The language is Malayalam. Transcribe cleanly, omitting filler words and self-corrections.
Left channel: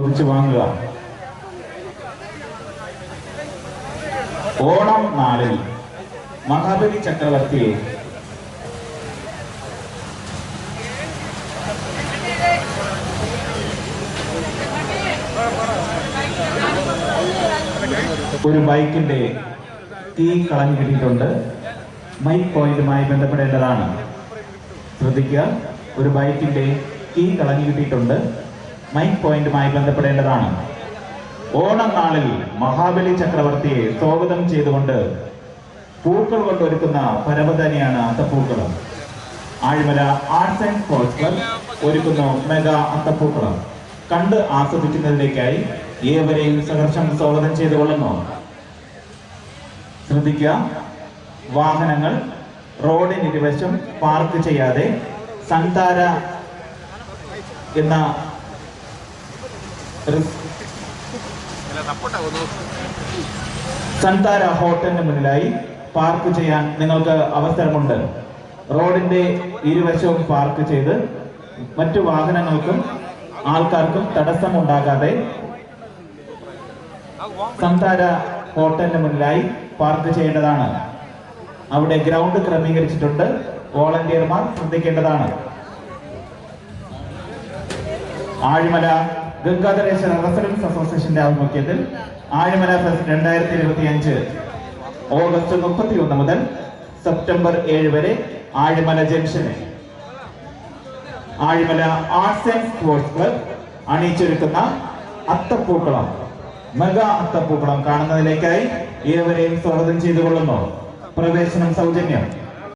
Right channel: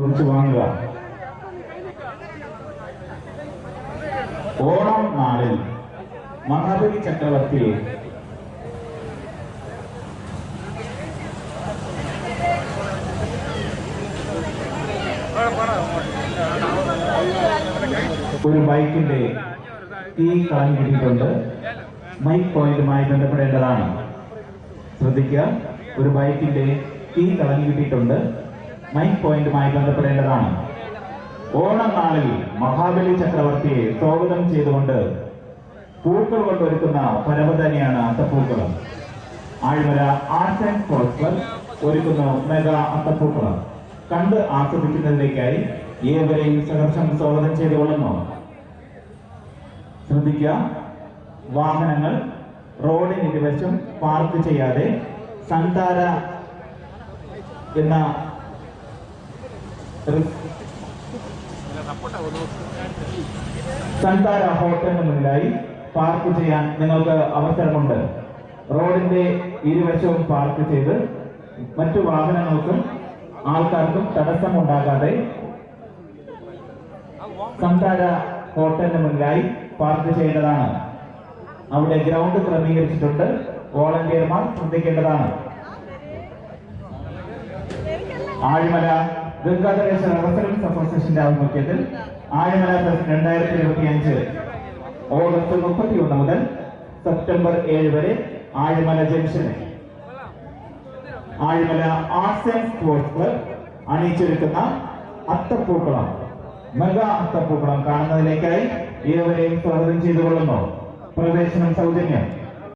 കുറിച്ച് വാങ്ങുക. ഓണം നാളിൽ മഹാബലി ചക്രവർത്തി ഒരു ബൈക്കിന്റെ കീ കളഞ്ഞു കിട്ടിയിട്ടുണ്ട്. മൈക്ക് പോയിന്റുമായി ബന്ധപ്പെടേണ്ടതാണ്. ശ്രദ്ധിക്കുക, ഒരു ബൈക്കിന്റെ കീ കളഞ്ഞു കിട്ടിയിട്ടുണ്ട്. മൈക്ക് പോയിന്റുമായി ബന്ധപ്പെടേണ്ടതാണ്. ഓണം നാളിൽ മഹാബലി ചക്രവർത്തിയെ സ്വാഗതം ചെയ്തുകൊണ്ട് പൂക്കൾ കൊണ്ടൊരുക്കുന്ന പരവതനെയാണ് അത്തപ്പൂക്കളം. Azhimala arts and sports club ഒരുക്കുന്നു മെഗാ അത്തപ്പൂക്കളം. കണ്ട് ആസ്വദിക്കുന്നതിലേക്കായി ഏവരെയും സഹർഷം സ്വാഗതം ചെയ്തുകൊള്ളുന്നു. ശ്രദ്ധിക്കുക, വാഹനങ്ങൾ റോഡിന് ഇരുവശം പാർക്ക് ചെയ്യാതെ സന്താര എന്ന സന്താര ഹോട്ടലിന് മുന്നിലായി പാർക്ക് ചെയ്യാൻ നിങ്ങൾക്ക് അവസരമുണ്ട്. റോഡിന്റെ ഇരുവശവും പാർക്ക് ചെയ്ത് മറ്റു വാഹനങ്ങൾക്കും ആൾക്കാർക്കും തടസ്സമുണ്ടാകാതെ സന്താര ഹോട്ടലിന് മുന്നിലായി പാർക്ക് ചെയ്യേണ്ടതാണ്. അവിടെ ഗ്രൗണ്ട് ക്രമീകരിച്ചിട്ടുണ്ട്. വോളണ്ടിയർമാർ ശ്രദ്ധിക്കേണ്ടതാണ്. ആഴിമല ഗംഗാധരേശ്വര റെസിഡൻസ് അസോസിയേഷന്റെ ആഭിമുഖ്യത്തിൽ ആഴിമല ഫെസ്റ്റ് 2025 ഓഗസ്റ്റ് 31 മുതൽ സെപ്റ്റംബർ 7 വരെ ആഴിമല ജംഗ്ഷനിൽ Azhimala arts and sports club അണിയിച്ചൊരുക്കുന്ന അത്തപ്പൂക്കളം, മെഗാ അത്തപ്പൂക്കളം കാണുന്നതിലേക്കായി ഏവരെയും സ്വാഗതം ചെയ്തുകൊള്ളുന്നു. പ്രവേശനം സൗജന്യം.